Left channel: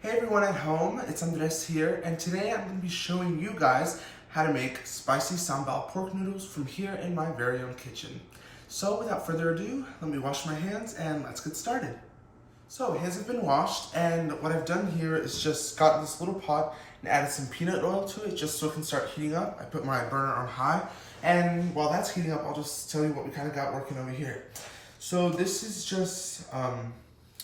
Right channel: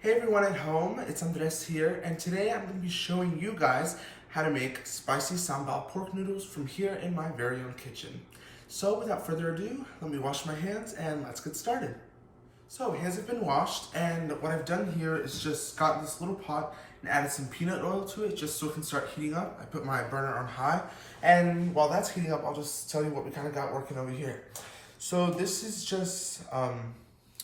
Hey everyone at home, it's Andres here, and today I'm going to be showing you guys how to make spicy sambal pork noodles from here in my very own kitchen. So without further ado, let me wash my hands and let's get started. So hands have been washed, and what I've done here is just gotten this little pot and added some peanut oil to it just so it can start heating up. I put my burner on high, and while that's heating up, I'll just tell you what we kind of got working over here. So this is just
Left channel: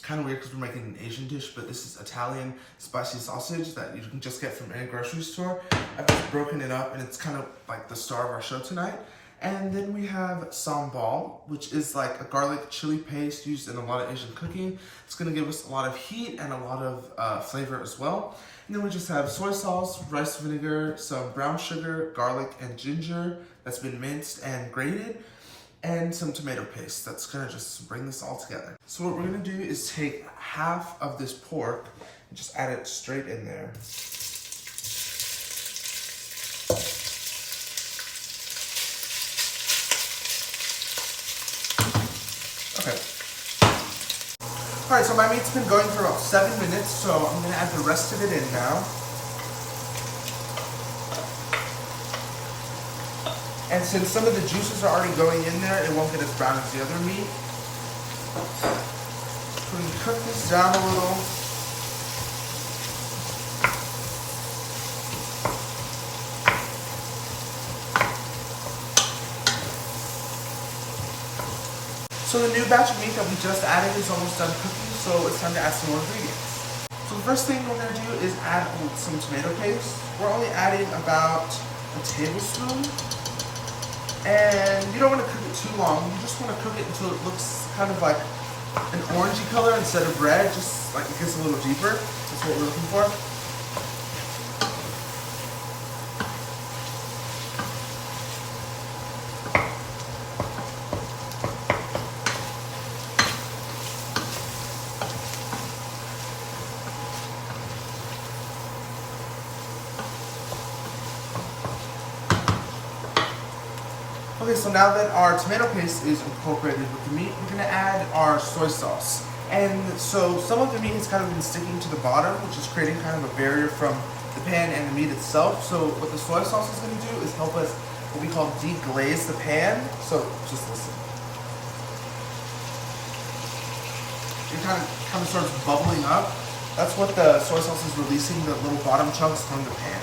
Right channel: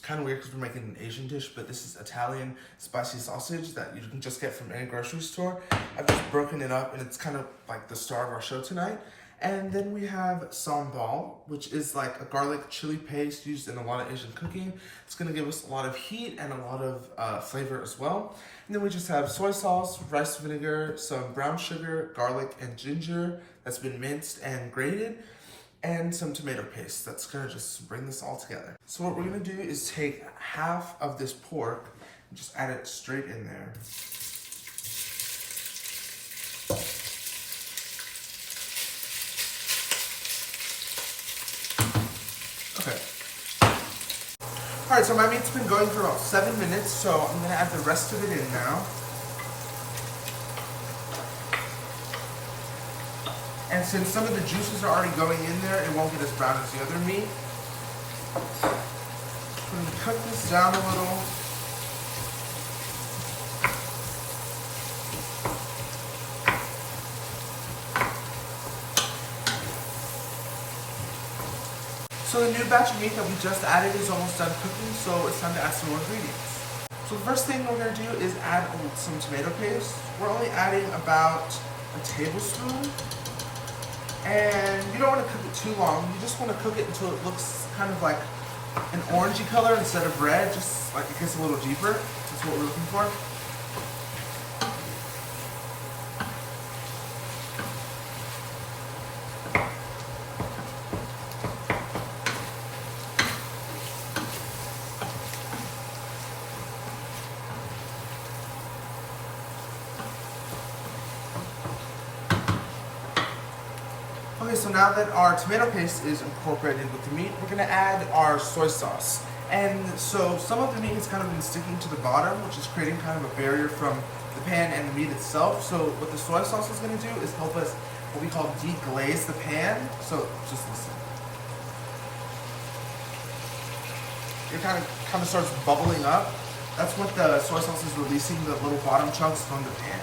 kind of weird because we're making an Asian dish, but this is Italian spicy sausage that you can just get from any grocery store. I've just broken it up, and it's kind of like the star of our show tonight. And then we have sambal, which is like a garlic chili paste used in a lot of Asian cooking. It's gonna give us a lot of heat and a lot of flavor as well. And then we just have soy sauce, rice vinegar, some brown sugar, garlic, and ginger that's been minced and grated, and some tomato paste that's gonna just bring this all together. So what we're gonna do is take half of this pork and just add it straight in there. Okay. All right, so my meat's been going for about 7 minutes, so I'm gonna add the rest of it in now. And since some of the juices are already going in there, it won't get as brown as the other meat. We're gonna cook this down a little. So the new batch of meat that we just added is almost done cooking, so it's time to add some more ingredients. So the first thing we're gonna do is add some tomato paste. We're only adding about a tablespoon. And you don't want to cook it too long. You just want to cook it until it looks kind of like an orangey color instead of red, just like it gets a little deeper. That's what we're looking for. Okay, so now that our tomato paste is incorporated with the meat, we're gonna add our soy sauce. And so some of the meat has kind of been sticking to the bottom, which is creating kind of a barrier from the pan and the meat itself. So what the soy sauce is gonna do is help us, what we call deglaze the pan. So just listen. It kind of starts bubbling up. That's what the soy sauce is releasing, the little bottom chunks from the pan.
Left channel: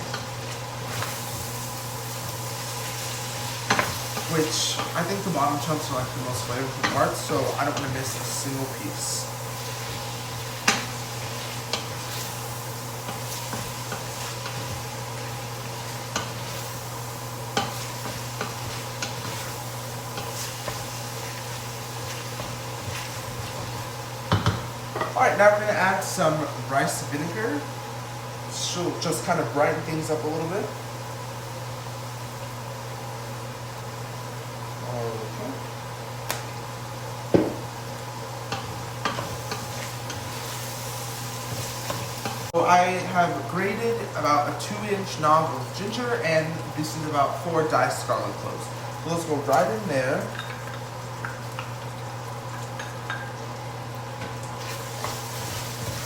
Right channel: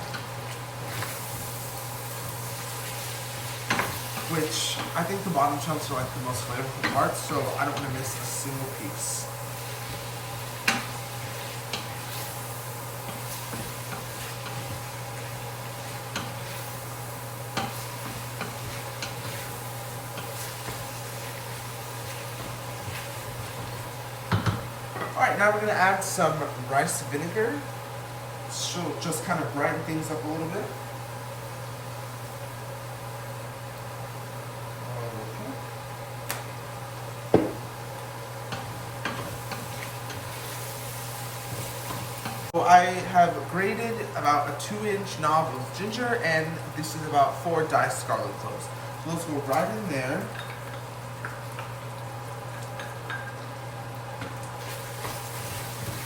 Which I think the bottom chunks are like the most flavorful parts, so I don't want to miss a single piece. Alright, now we're going to add some rice vinegar. She'll just kind of brighten things up a little bit. So I have grated about a 2-inch knob of ginger, and this is about 4 diced garlic cloves. So let's go right in there.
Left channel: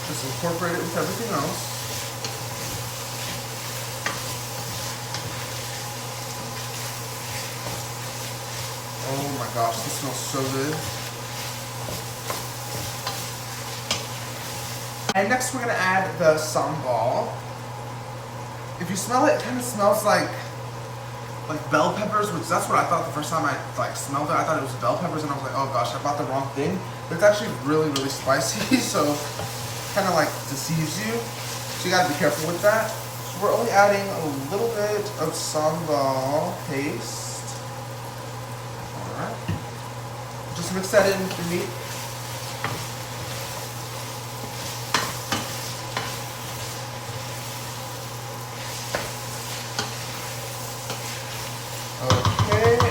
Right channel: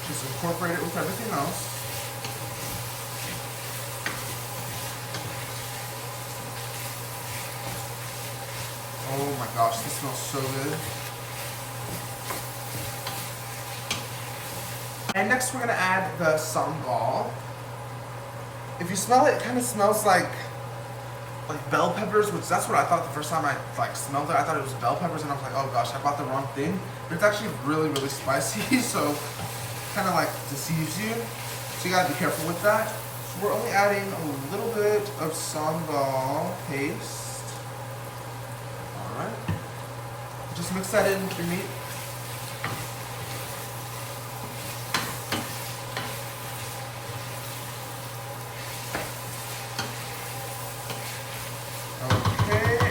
Just incorporate it with everything else. Oh my gosh, this smells so good. And next we're gonna add the sambal. If you smell it, it kind of smells like bell peppers, which that's what I thought the first time I smelled it. I thought it was bell peppers, and I was like, oh gosh, I bought the wrong thing. But it's actually really, really spicy, so kind of like deceives you. So you gotta be careful with that. So we're only adding a little bit of sambal paste. All right. Just mix that in with your meat.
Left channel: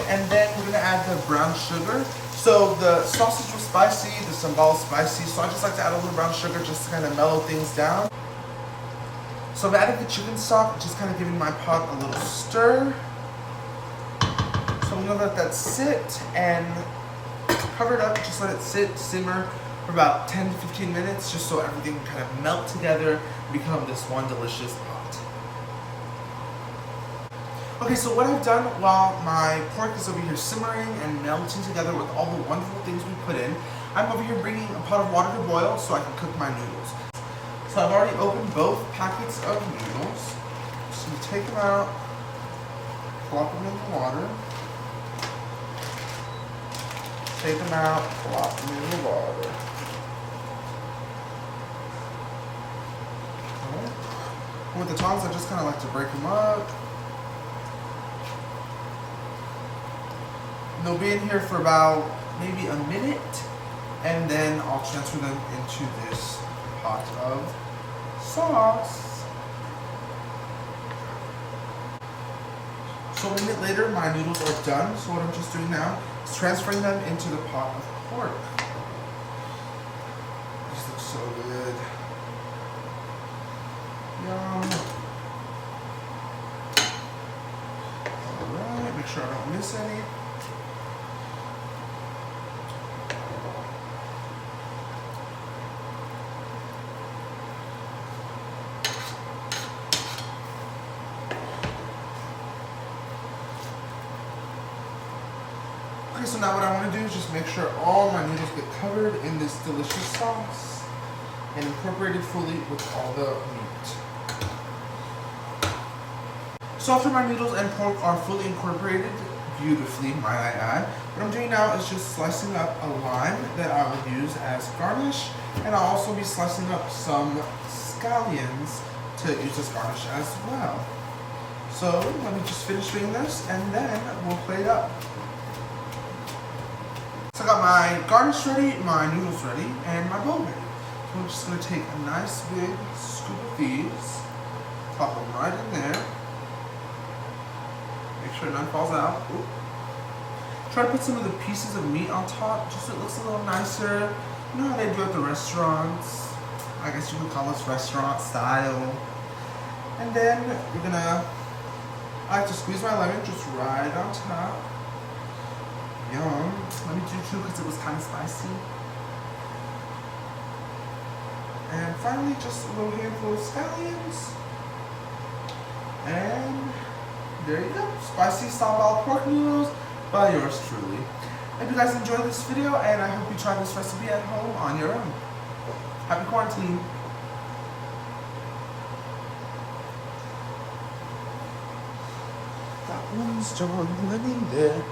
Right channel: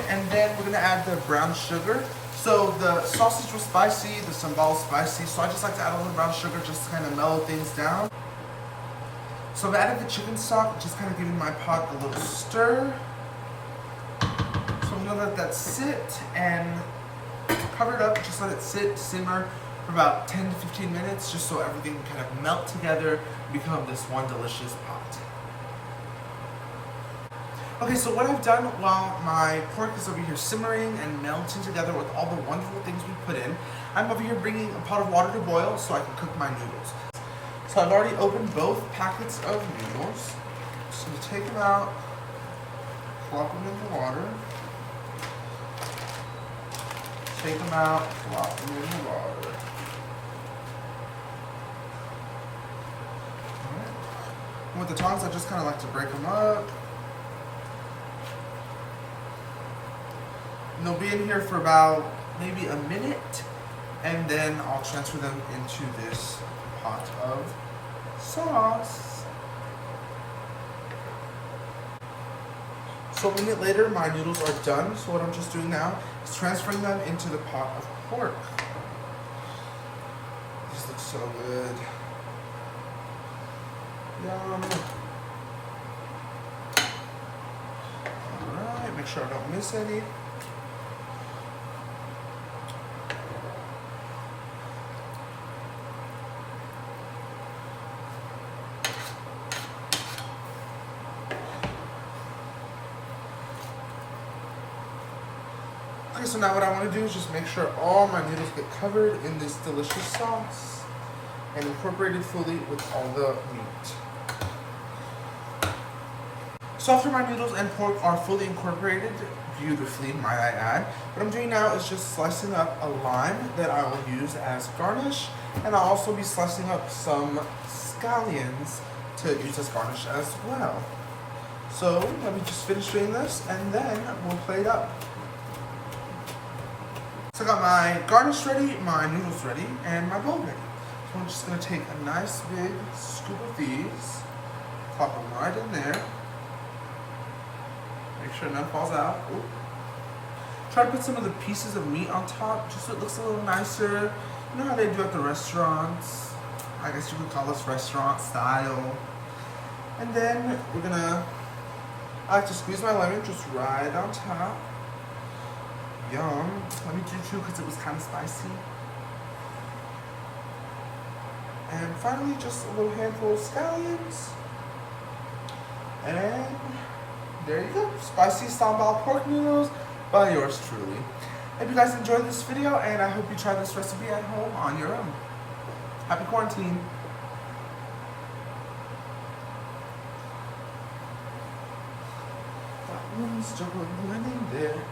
And then we're gonna add the brown sugar. So the sausage was spicy, the sambal was spicy, so I just like to add a little brown sugar just to kind of mellow things down. So I've added the chicken stock, just kind of giving my pot a little stir. So I'm gonna let that sit and cover it up, just let it sit, simmer for about 10 to 15 minutes, just so everything kind of melt together and become this one delicious pot. Okay, so what I've done while my pork is over here simmering and melting together with all the wonderful things we put in, I'm over here bringing a pot of water to boil so I can cook my noodles. So I've already opened both packets of noodles. Just gonna take them out, plop them in the water. Take them out, plop them in the water. Alright. With the tongs, I just kind of like to break them up. And they'll be in here for about maybe a minute, and then I'll transfer them into this pot of sauce. So a minute later, my noodles are done. So what I'm just doing now is transferring them into the pot of pork. These look so good. Yum. Alright, make sure I don't miss any. Okay, so now what I want to do is just make sure all my noodles get covered in this delicious sauce and incorporated fully with all the meat. So after my noodles and pork are fully incorporated, beautifully might I add, what I'm doing now is just slicing up a lime that I will use as garnish, and I'll also be slicing up some scallions to use as garnish as well. So let me just finish doing this and then we'll plate up. So I got my garnish ready, my noodles ready, and my bowl ready. So I'm just going to take a nice big scoop of these, pop them right in there. Make sure none falls out. Ooh. Try to put some of the pieces of meat on top, just so it looks a little nicer. You know how they do at the restaurants? I guess you could call this restaurant style. And then we're gonna, I like to squeeze my lemon just right on top. Yum. Let me do two because it was kind of spicy. And finally, just a little handful of scallions. And there you go. Spicy sambal pork noodles by yours truly. I hope you guys enjoyed this video, and I hope you try this recipe at home on your own. Happy quarantine. That one's still living there.